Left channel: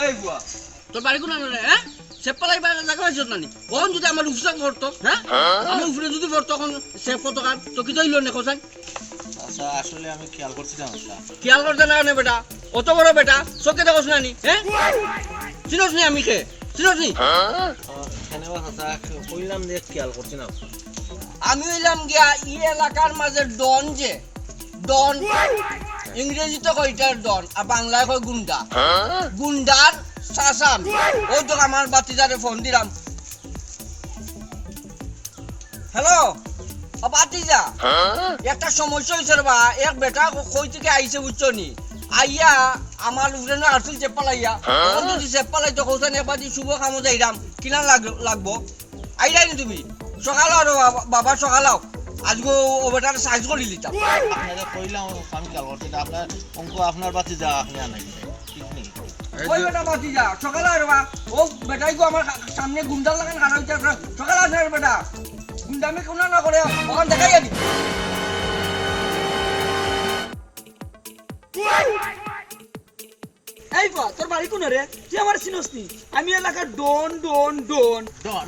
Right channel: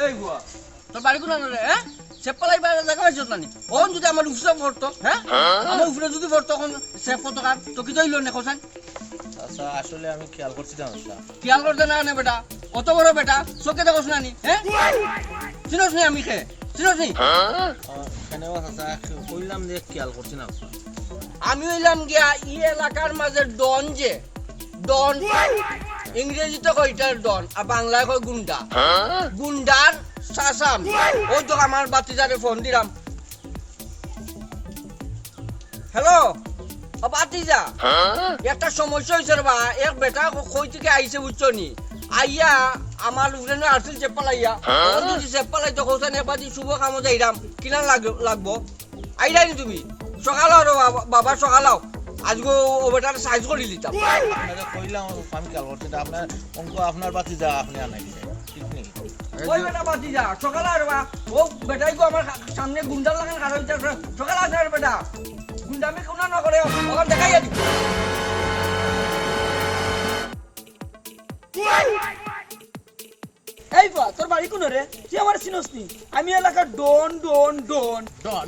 এই বুয়া তোর বাড়ি কোন রে হ্যাঁ সেপালাই বাড়ি দেখা পাইছ নানি ওন যদি আমার উফরে পড়তো হ্যাঁ আমার উফরে যদি পড়তো তখন সেপ কত কার তো কি দইল না কোথায় আচ্ছা আসলে আমি খেয়াল করছি না খেয়াল করতে না নে বেটা অত বড় বেটা চোখে দেখোস নানি হ্যাঁ চিনোস নি আমি কে চিনোস নি এখানেও আচ্ছা কইলাম যে খেয়াল করছি না আমি হইলাম গিয়া ই এলাকার মাঝে ডন যে ডন ইংরেজিতে কয় এটার ডন আর বাংলায় কয় গুন্ডা গুন্ডার সাসাম ওই তো আমার বাতিজারে ফোন দিলাম হ্যালো বাতিজা একটা সমস্যা হয়েছে রে বা এক বেটা কই থেকে আইছে বুঝছো নি আইয়া আমার উড়ানে আসল চেপালাইয়া যদি চেপালাই তো কোথায় নেবাজি শুভ কামো যাইরাম কিনা লাগবো আইরাই নি তুমি সকাল বাবা সকালাও আজকে ও বেটার সাইজ করে দিতাম আপনারা কইলাম আমি খেয়াল করছি না আপনার অঙ্ক আপনার বাতি যা আপনি আনাই ঠিক নেই ওই বেটা বাতি যা সকালে আর বা ও বেটাই গো আমার সামনে গুন্ডা লাগান খারাপ হইতে সকালে আসে রে বেটা গুন্ডামি কোনা না করে তখন দেখাই যাবি এই বা তোর বাড়ি কোন রে তুই আমার চিনস নি আমি এলাকার ডন ডন ডন ডন